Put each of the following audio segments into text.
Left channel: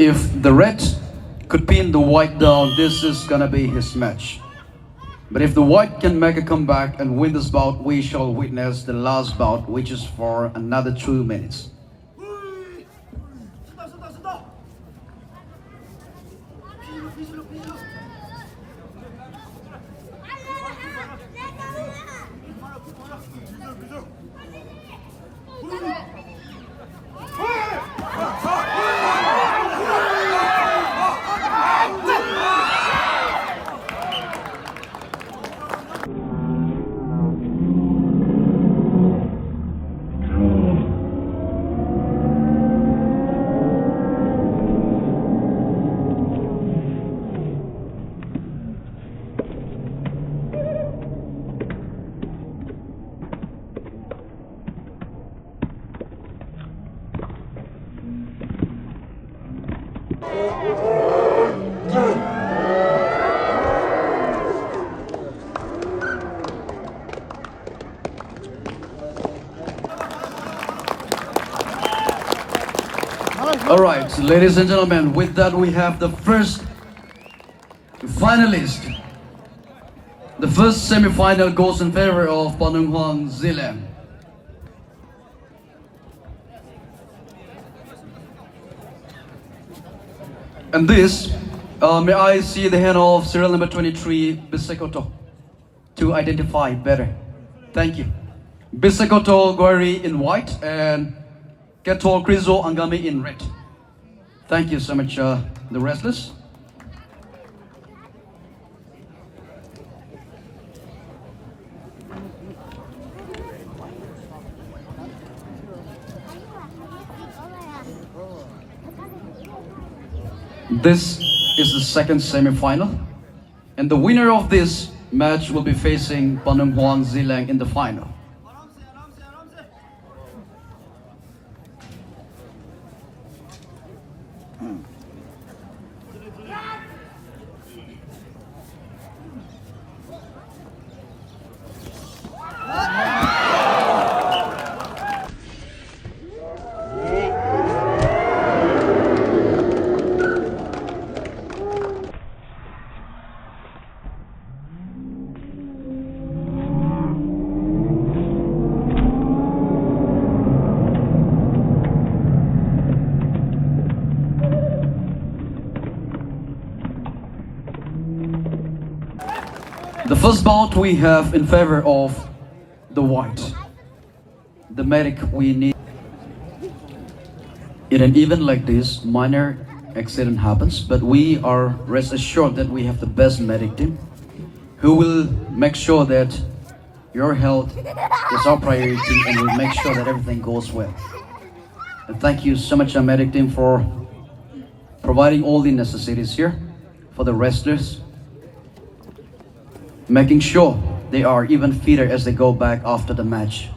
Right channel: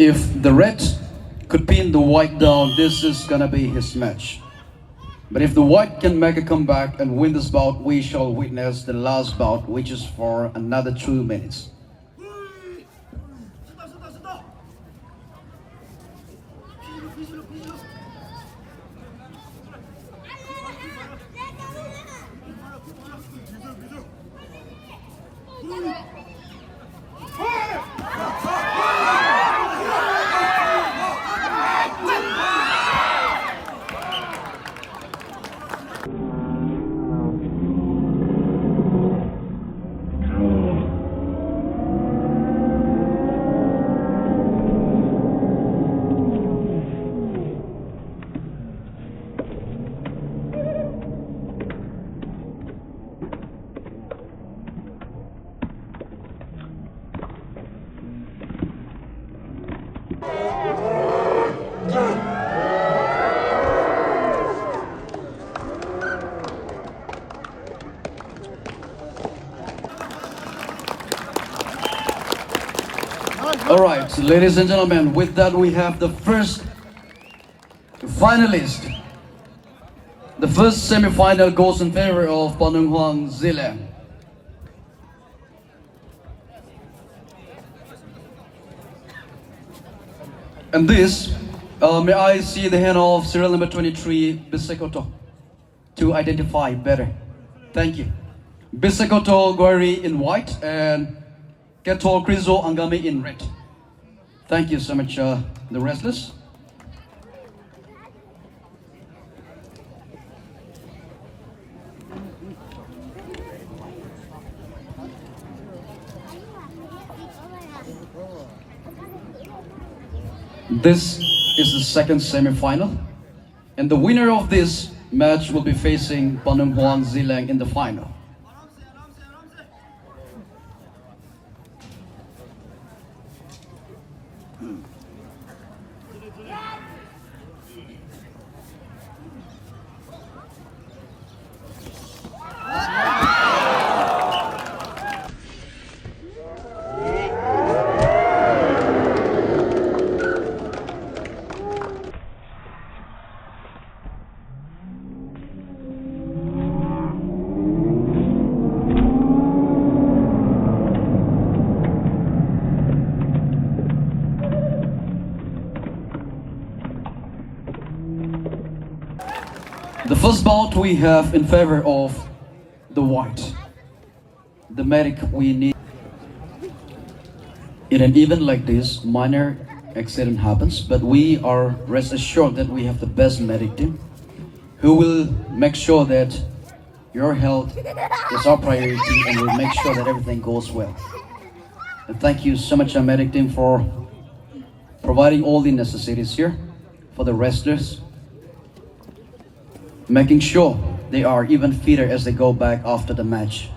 If the red could pin the white down, this is gonna be his match. But if the white can make a comeback and win this bout, we shall witness the last bout, which is for another 2 minutes. All right, ladies and gentlemen, with that we have the first finalist. The first semi-final goes in favor of Panunghuang Zileng. And this, may I see the hand of serial number 23, Bisekoto, to identify better. Thank you. Bisekoto Gwari in white and Keto Krizo Angami in red. Thank you so much, the wrestlers. This is the second semi-final, and the winner of this match will be facing Panunghuang Zileng in the final. The first bout we have in favor of the white. The medic we need. In an event like this, minor accident happens, but we are rest assured that we have the best medic team who will make sure that your health is our priority and will make sure that everything goes well. And thank you so much, our medic team, for providing all the necessities here for the wrestlers, making sure they are even fitter as they go back after the match.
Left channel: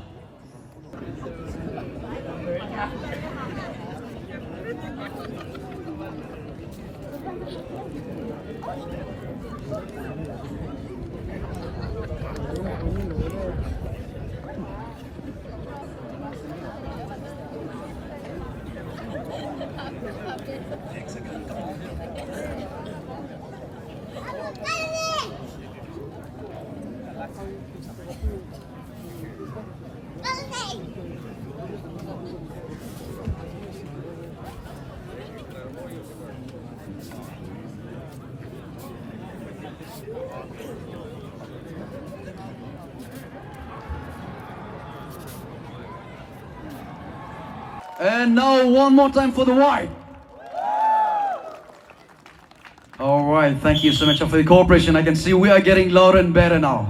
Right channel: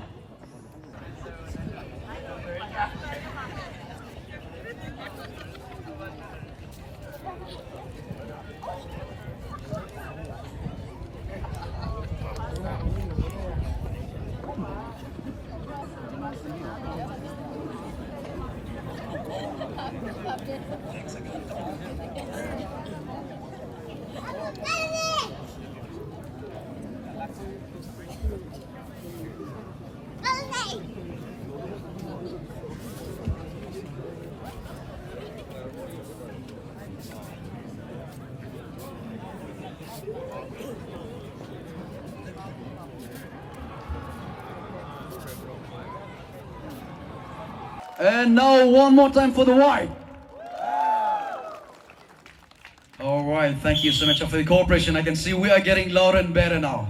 And now one more time for the white. All right, thank you so much for the cooperation. I can see we are getting louder and better now.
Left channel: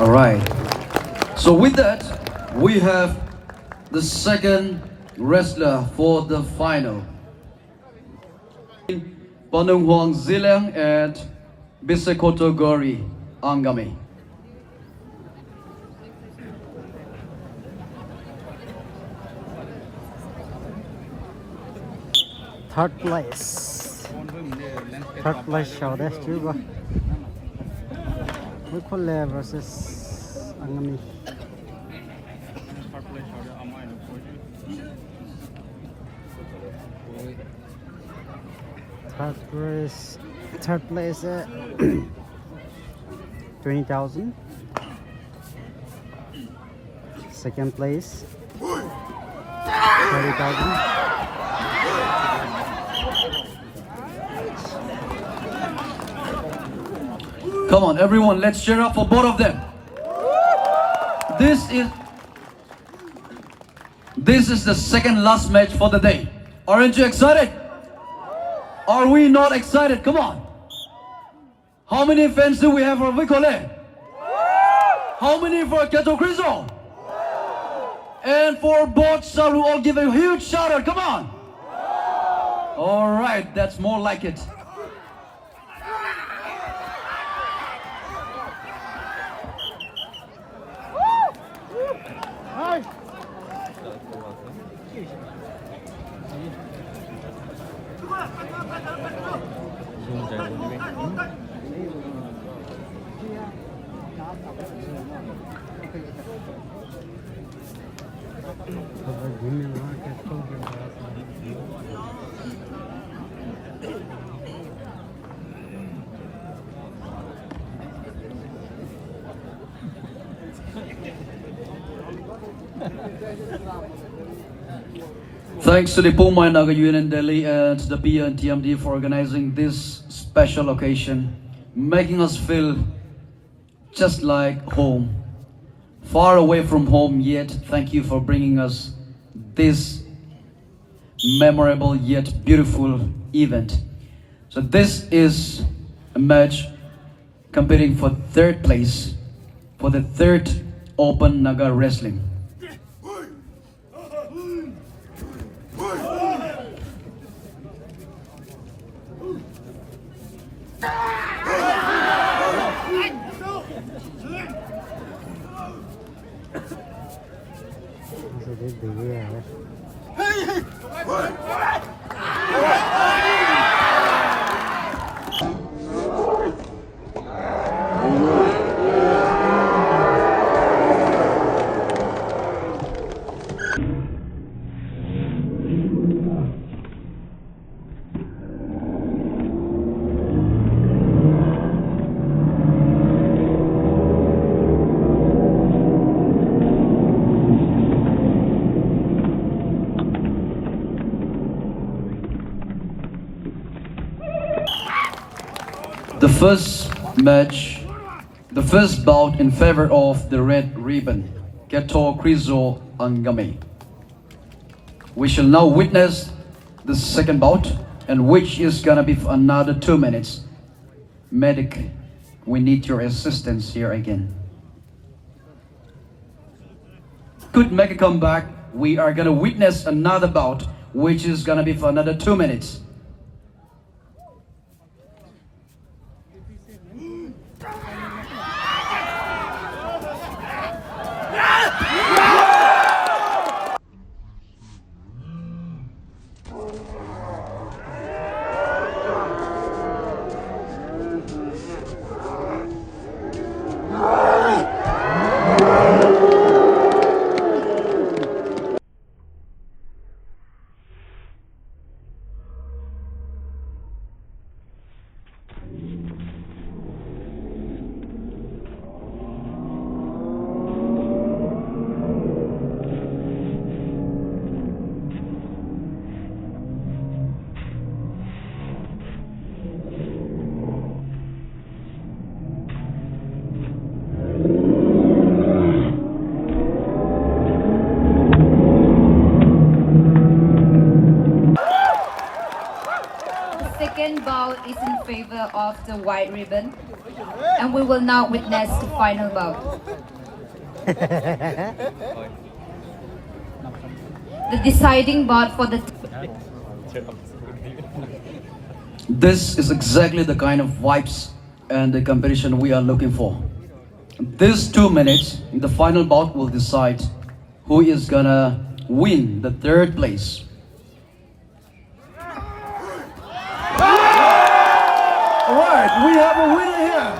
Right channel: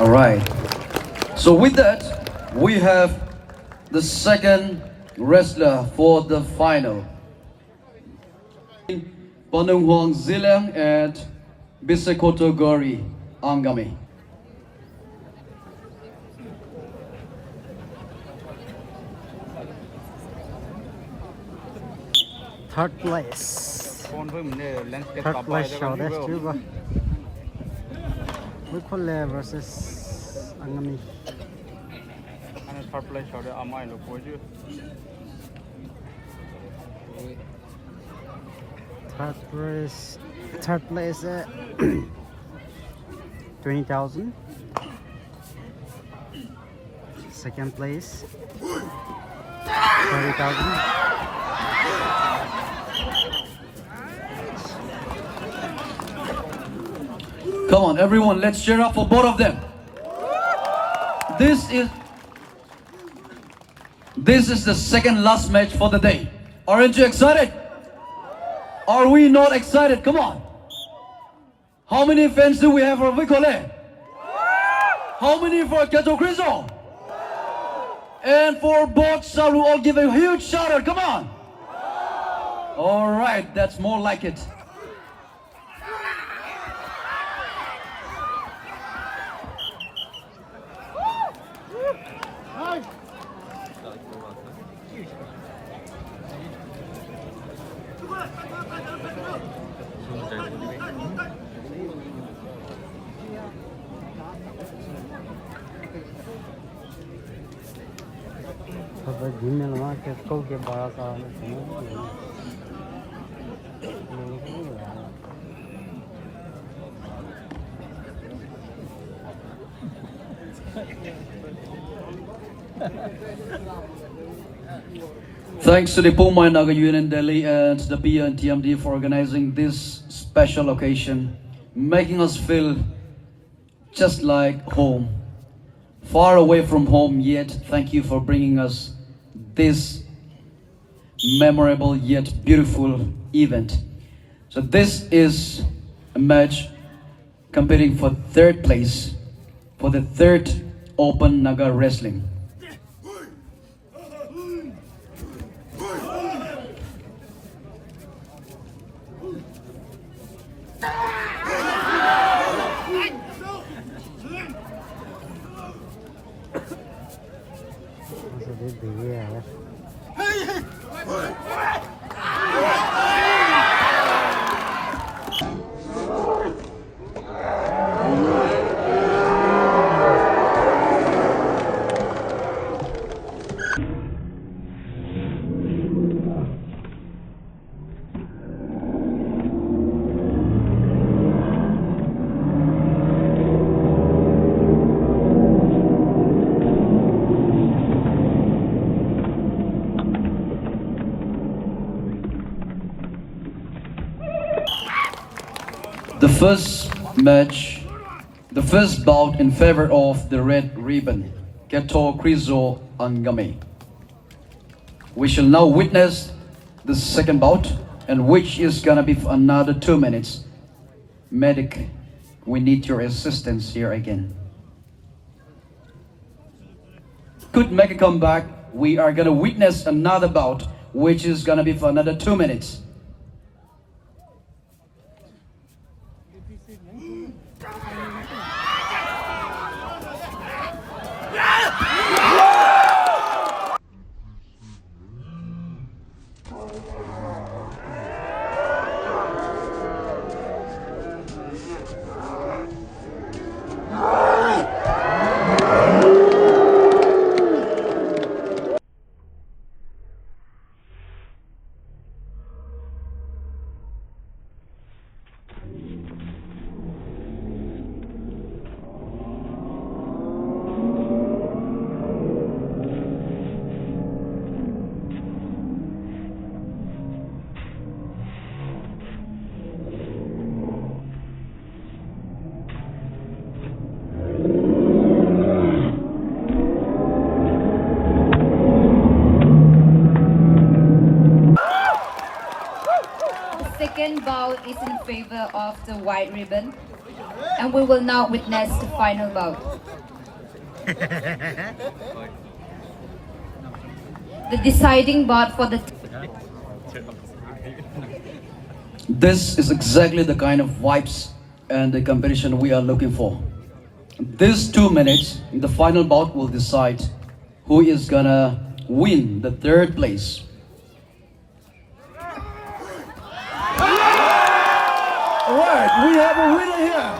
All right. So with that, we have the second wrestler for the final. Panung Huang Zilang and Bisekoto Gori Angami. Third place show chứ ba. Wikhole versus Angami. Third place 20,000. Second place 30,000. Come on, everyone, let's cheer up for both of them. This is the second last match for the day. Aren't you excited? Are we not excited? Come on. How many fans do we have for Vicole? How many for Keto Criso? And for both, shall we all give a huge shout out? Come on. All right, that's more like it. Thanks to the Poumai Naga Union Delhi and the PNTMD for organizing this special occasion, making us feel just like home. Far away from home, yet thank you for bringing us this memorable yet beautiful event. So this is a match competing for third place for the third Open Naga Wrestling. The first match, the first bout in favor of the red ribbon, Keto Krizo Angame. We shall now witness the second bout, and which is gonna be for another 2 minutes. Medic, we need your assistance here again. Could make a comeback. We are gonna witness another bout, which is gonna be for another 2 minutes. winner of the white ribbon, and we will now witness the final bout. The deciding bout for the This is exactly the kind of vibes and the competition we are looking for. These 2 minutes, the final bout will decide who is gonna win the third place. Alright, we have a winner here.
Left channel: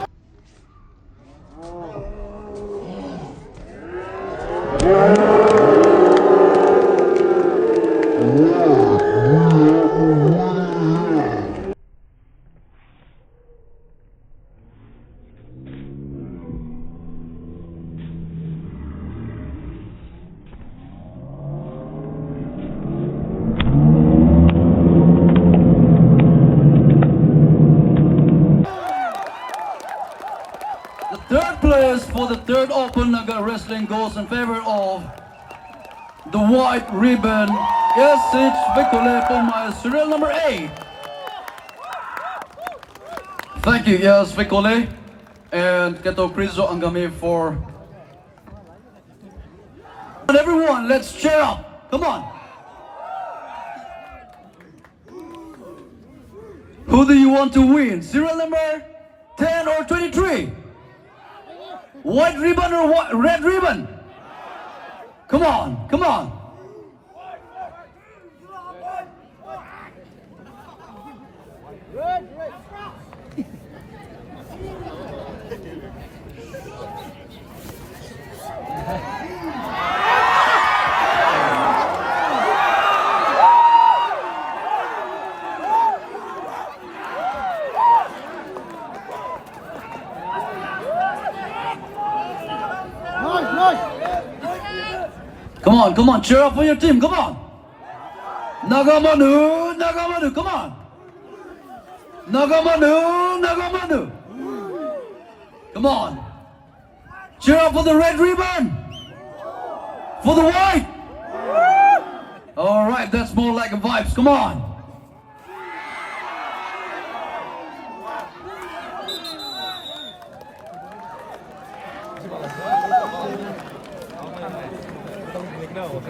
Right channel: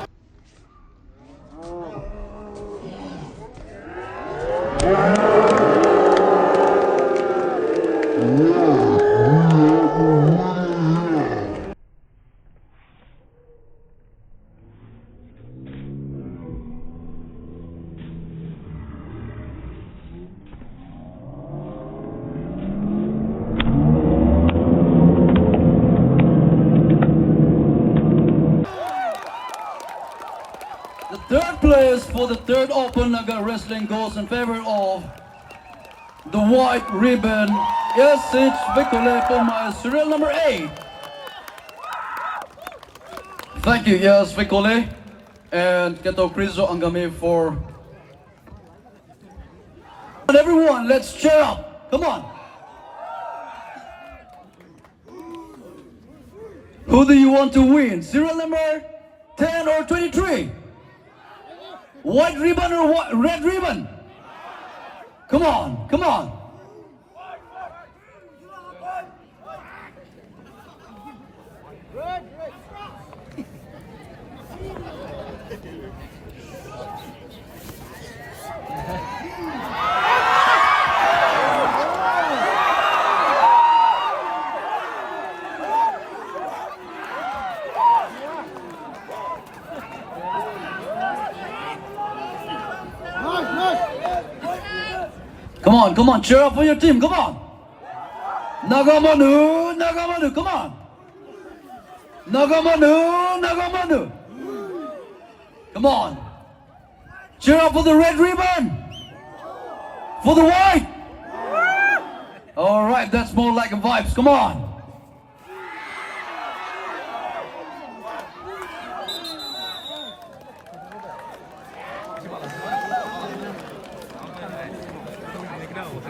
The third place for the third Open Naga Wrestling goes in favor of the white ribbon. Yes, it's Vikole Poumai, serial number 8. Thank you, yes, Vikole. And Keto Prizo Angami for... And everyone, let's cheer up. Come on. Who do you want to win? Serial number 10 or 23? White ribbon or red ribbon? Come on, come on. Come on, cheer up for your team, come on. Nagamanu, Nagamanu, come on. Nagamanu, Nagamanu. Come on. Cheer up for the red ribbon. For the white. All right, that's more like a vibes, come on.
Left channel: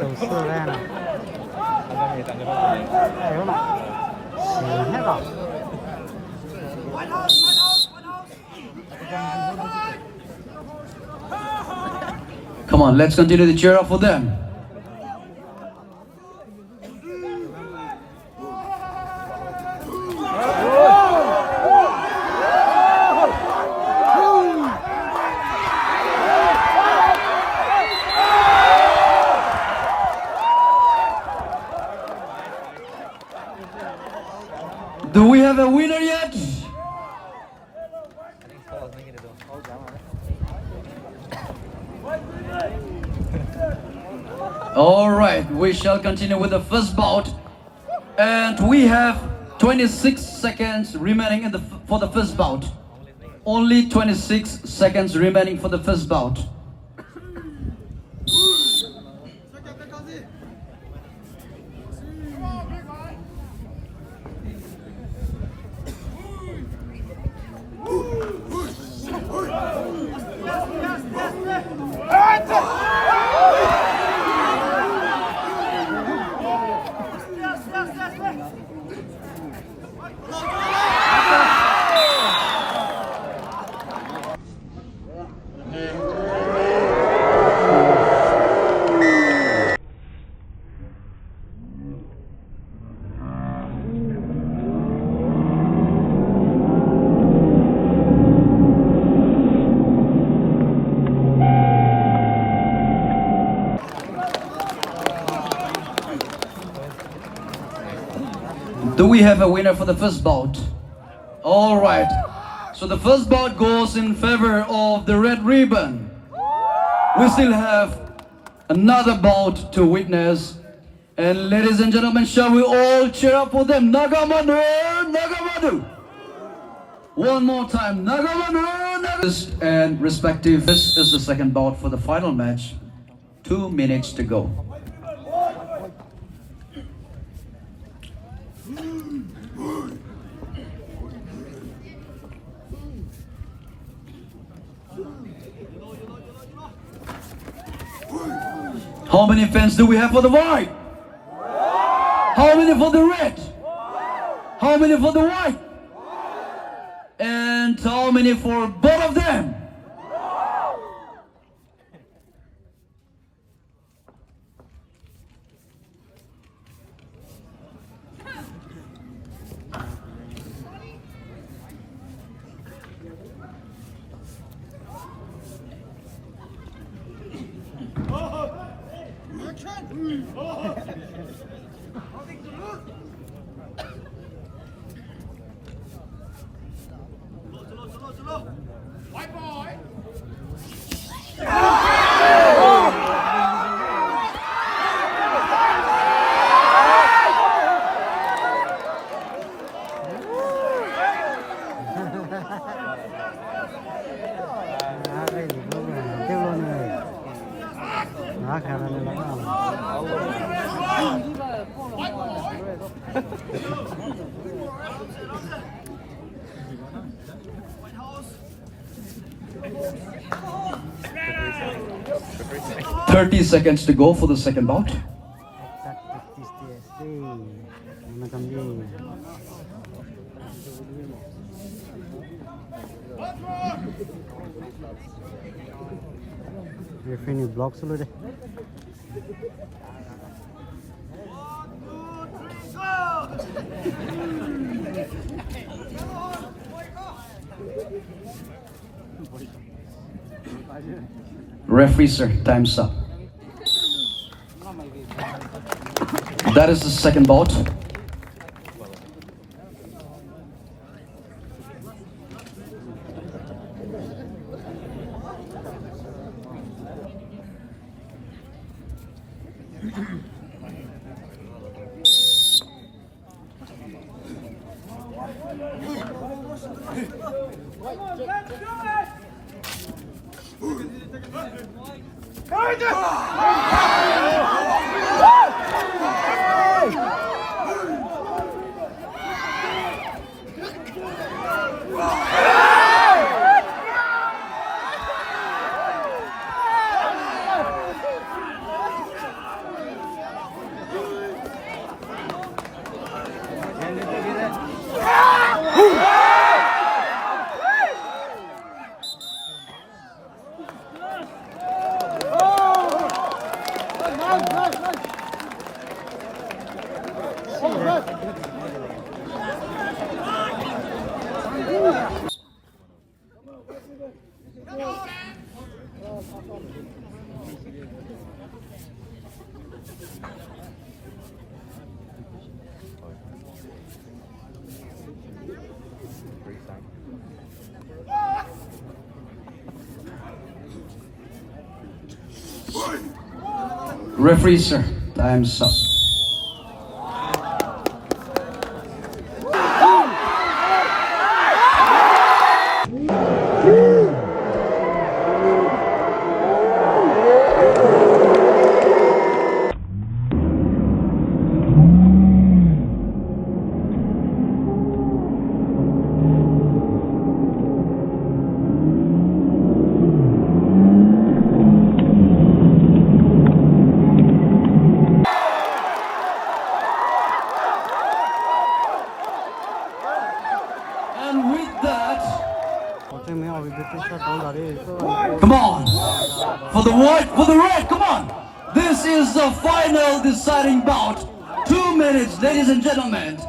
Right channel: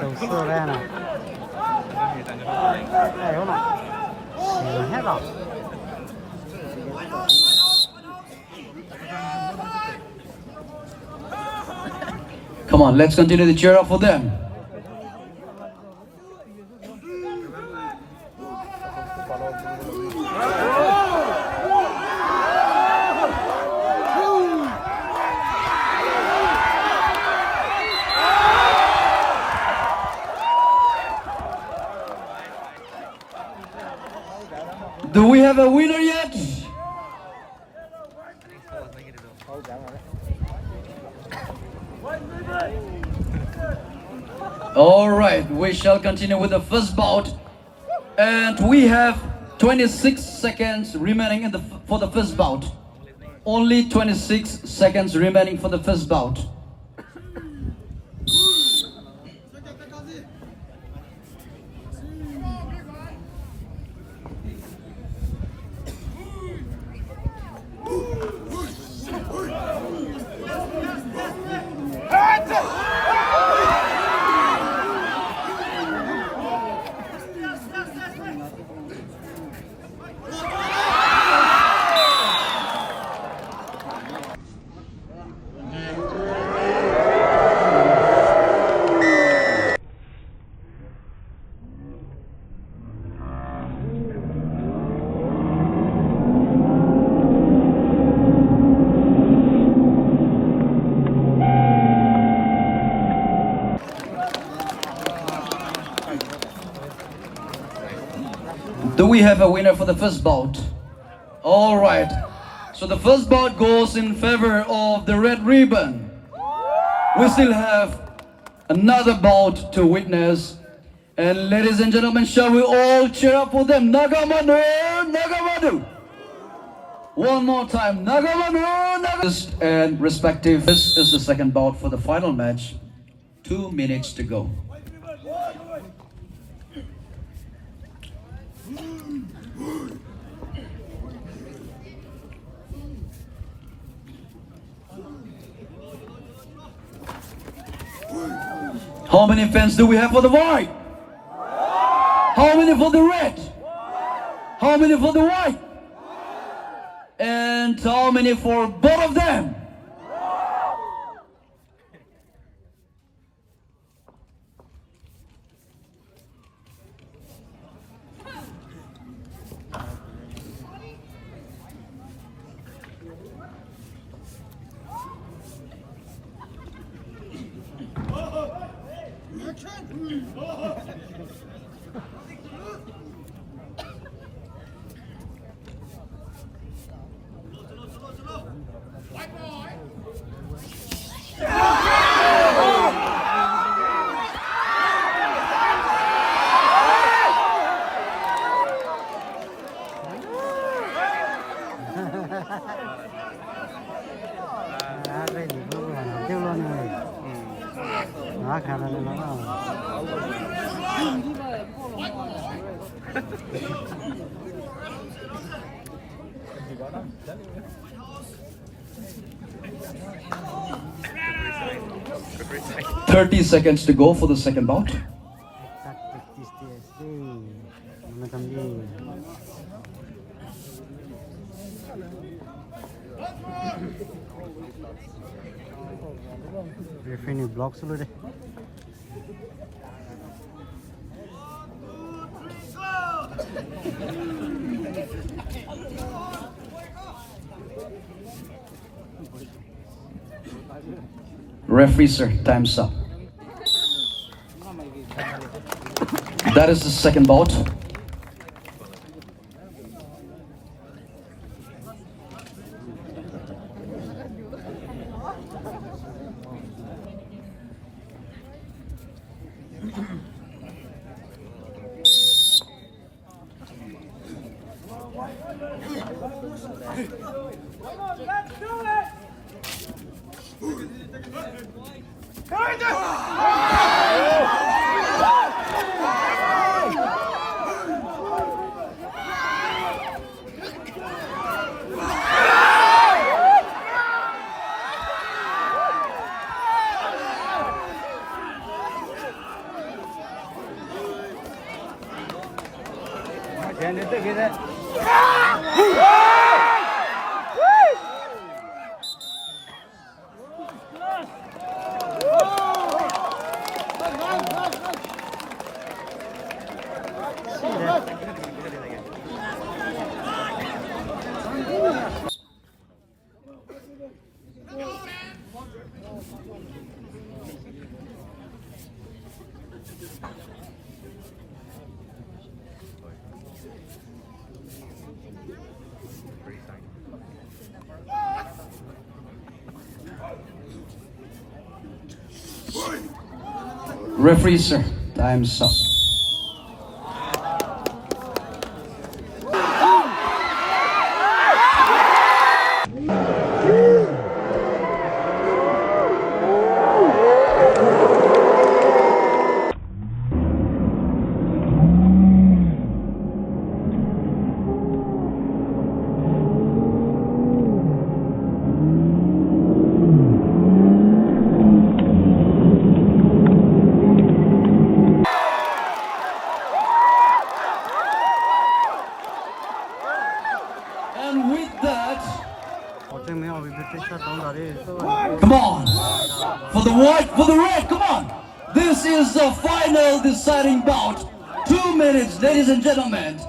đầu xưa ra nào đây hôm nay xỉu hết rồi. Come on, let's continue to cheer up for them. Do we have a winner yet? All right, we shall continue with the first bout, and we have 26 seconds remaining for the first bout. Only 26 seconds remaining for the first bout. Do we have a winner for the first bout? All right. So the first bout goes in favor of the red ribbon. We still have another bout to witness. And ladies and gentlemen, shall we all cheer up for them? Nagamanu, Nagamanu. One more time, Nagamanu, Nagamanu. And respective, this is the second bout for the final match. 2 minutes to go. How many fans do we have for the white? How many for the red? How many for the white? And how many for both of them? Cái gì cũng vừa làm tiêu luôn này. Nó khá là nên lắm. 30 seconds to go for the second bout. Referee block dulu deh. Referee sir, time's up. That is the second bout. Referee sir, time's up. And with that, come on, for the white, for the red, come on. This is the final deciding bout. 2 minutes, ladies and gentlemen.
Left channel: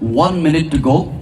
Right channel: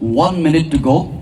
1 minute to go.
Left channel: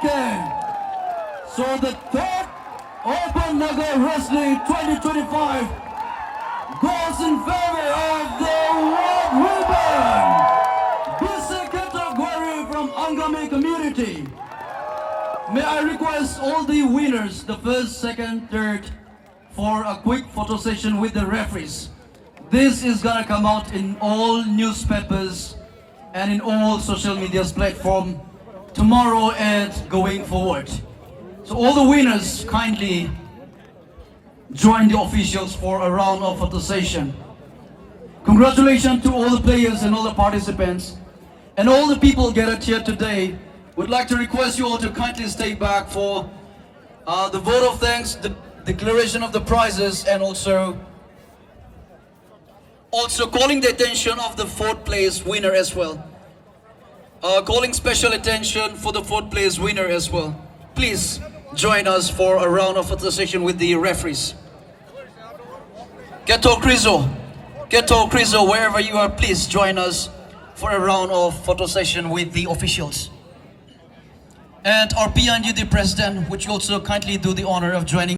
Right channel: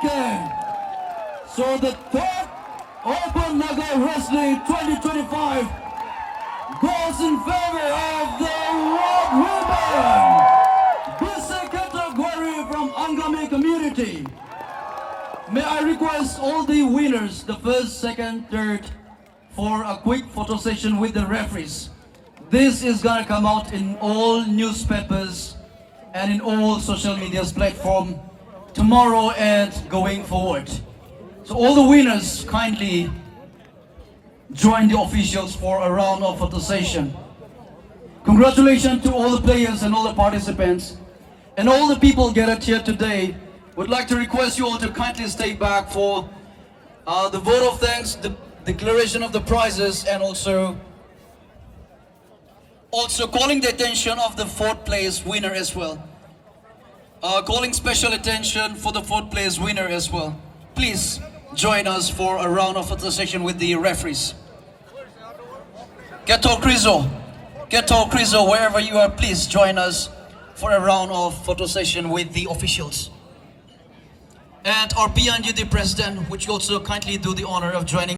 Okay, so the third Open Naga Wrestling 2025 goes in favor of the Red Ribbon. This is a category from Angami community. May I request all the winners, the first, second, third, for a quick photo session with the referees. This is gonna come out in all newspapers and in all social media platforms tomorrow and going forward. So all the winners kindly join the officials for a round of photo session. Congratulations to all the players and all the participants and all the people gathered here today. Would like to request you all to kindly stay back for the vote of thanks, the declaration of the prizes, and also calling the attention of the fourth place winner as well. Calling special attention for the fourth place winner as well. Please join us for a round of photo session with the referees. Keto Krizo, wherever you are, please join us for a round of photo session with the officials. And our PNTMD president, which also kindly do the honor of joining